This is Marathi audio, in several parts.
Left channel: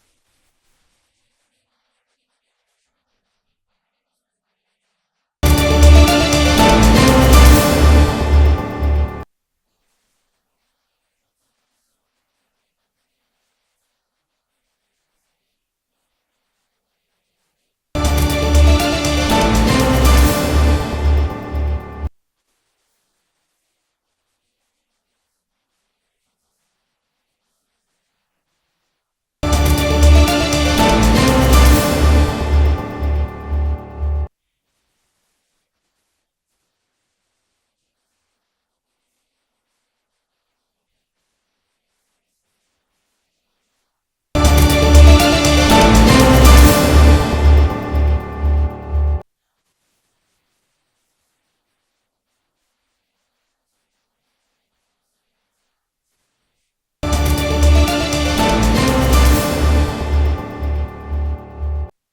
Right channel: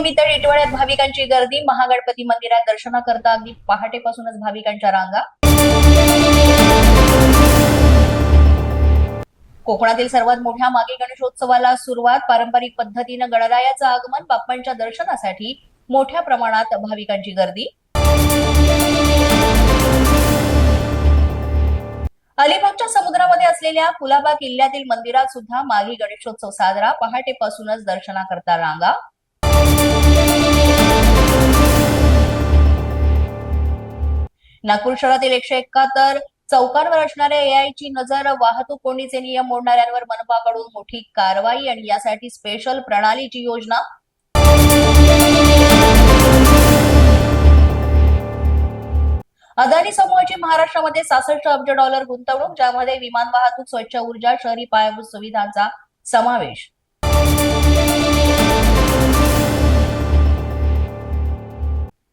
निमित्त टिटवाळ्यात भाविकांची गर्दी। महागणपती मंदिरात दर्शनाकरता अगदी पहाटेपासूनच भाविकांच्या रांगा। कोकणातील सर्वात मोठ्या मागी गणेशोत्सवाला सुरुवात। पारंपरिक पद्धतीने गणरायाचं आगमन। बाप्पांच्या दर्शनासाठी मोठ्या प्रमाणात भाविकांची गर्दी। अलिबागच्या समुद्रामध्ये असलेल्या कुलाबा किल्ल्यातील मंदिरात सुद्धा मागी गणेशोत्सव साजरा। पहाटेपासूनच दर्शनाकरता रांगा। नागपूर शहरातील 171 चौकांवर असणाऱ्या एआयची नजर। वाहतूक कोंडीचे नियम मोडणाऱ्यांवर मनपाकडून मोठी कारवाई आणि यासाठी स्पेशल प्रणालीची योजना। अदानी समूहाची महाराष्ट्रामध्ये 66 अब्ज डॉलर गुंतवणूक, ज्यामध्ये विमान वाहतूक, स्वच्छ ऊर्जा, शहरी पायाभूत सुविधांचा समावेश।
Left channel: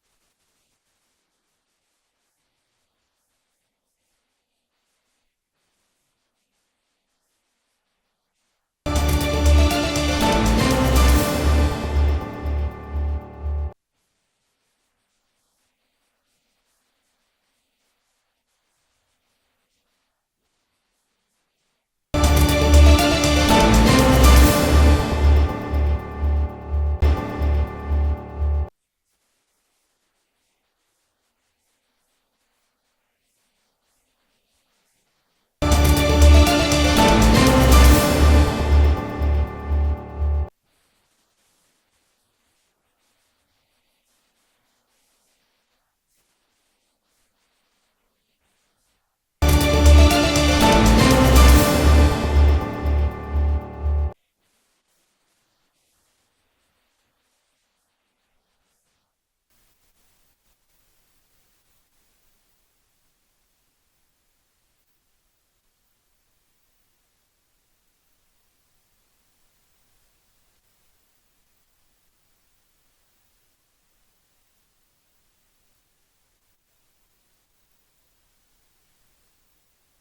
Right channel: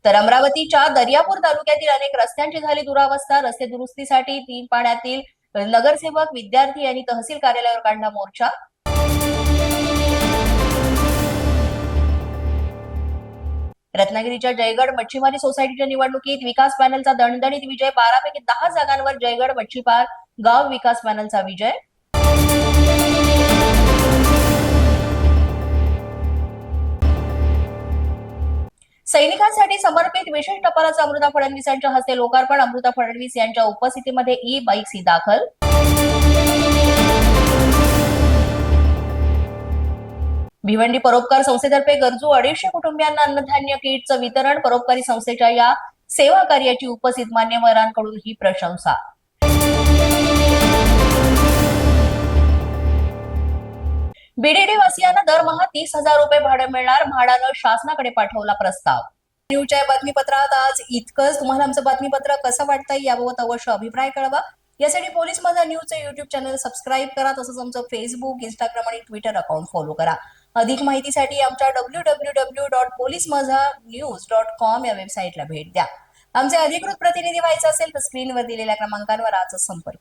तर अमरावतीच्या दर्यापूर तालुक्यातील अनेक रस्त्यांची झाली दुरावस्था। रस्ते दुरुस्तीसाठी 3 पाण्यातील नगरसेवक, विद्यार्थी आणि तहसील कार्यालयावर काढला मोर्चा। रत्नागिरीच्या जयगड मच्छीमारी सोसायटीच्या निवडणुकीत विकास पॅनलचा दणदणीत विजय। 12 पैकी 10 जागांवर जयगड मच्छीमार गाव विकास पॅनलचा विजय। सैनिकांसाठी समर्पित विशेष टपालाचं अमृता फडणवीस यांच्या हस्ते लोकार्पण। अमृता फडणवीस यांच्या उपस्थितीमध्ये ई-बाईक्स दाखल। भिवंडी परोपकार संस्थेतर्फे गरजू 250 कुटुंबियांना अन्नधान्य किटचं वितरण। परोपकारी संस्थेच्या या सेवा कार्याची उपस्थित मान्यवरांकडून ही प्रशंसा। बीडीडी वासियांना दरमहा 30,000 रुपये भाडं मिळणार। म्हाडानं शासनाकडे पाठवला प्रस्ताव। न्यूजच्या बातमीपत्रात आज इतकंच। तुम्हाला आमचं बातमीपत्र कसं वाटतंय याबाबत अवश्य अभिप्राय कळवा। यासाठी पोलीस माझा न्यूजचं युट्यूब चॅनल सबस्क्राईब करा। तसंच आमचं फेसबुक, इंस्टाग्राम आणि ट्विटर अकाउंट फॉलो करा। अधिक माहितीसाठी आमच्या www.policemazhanews.com या वेबसाईटला भेट द्या। आमचे अधिकृत प्रतिनिधी व्हायचे असेल तर स्क्रीनवर दिलेल्या क्रमांकावर आजच संपर्क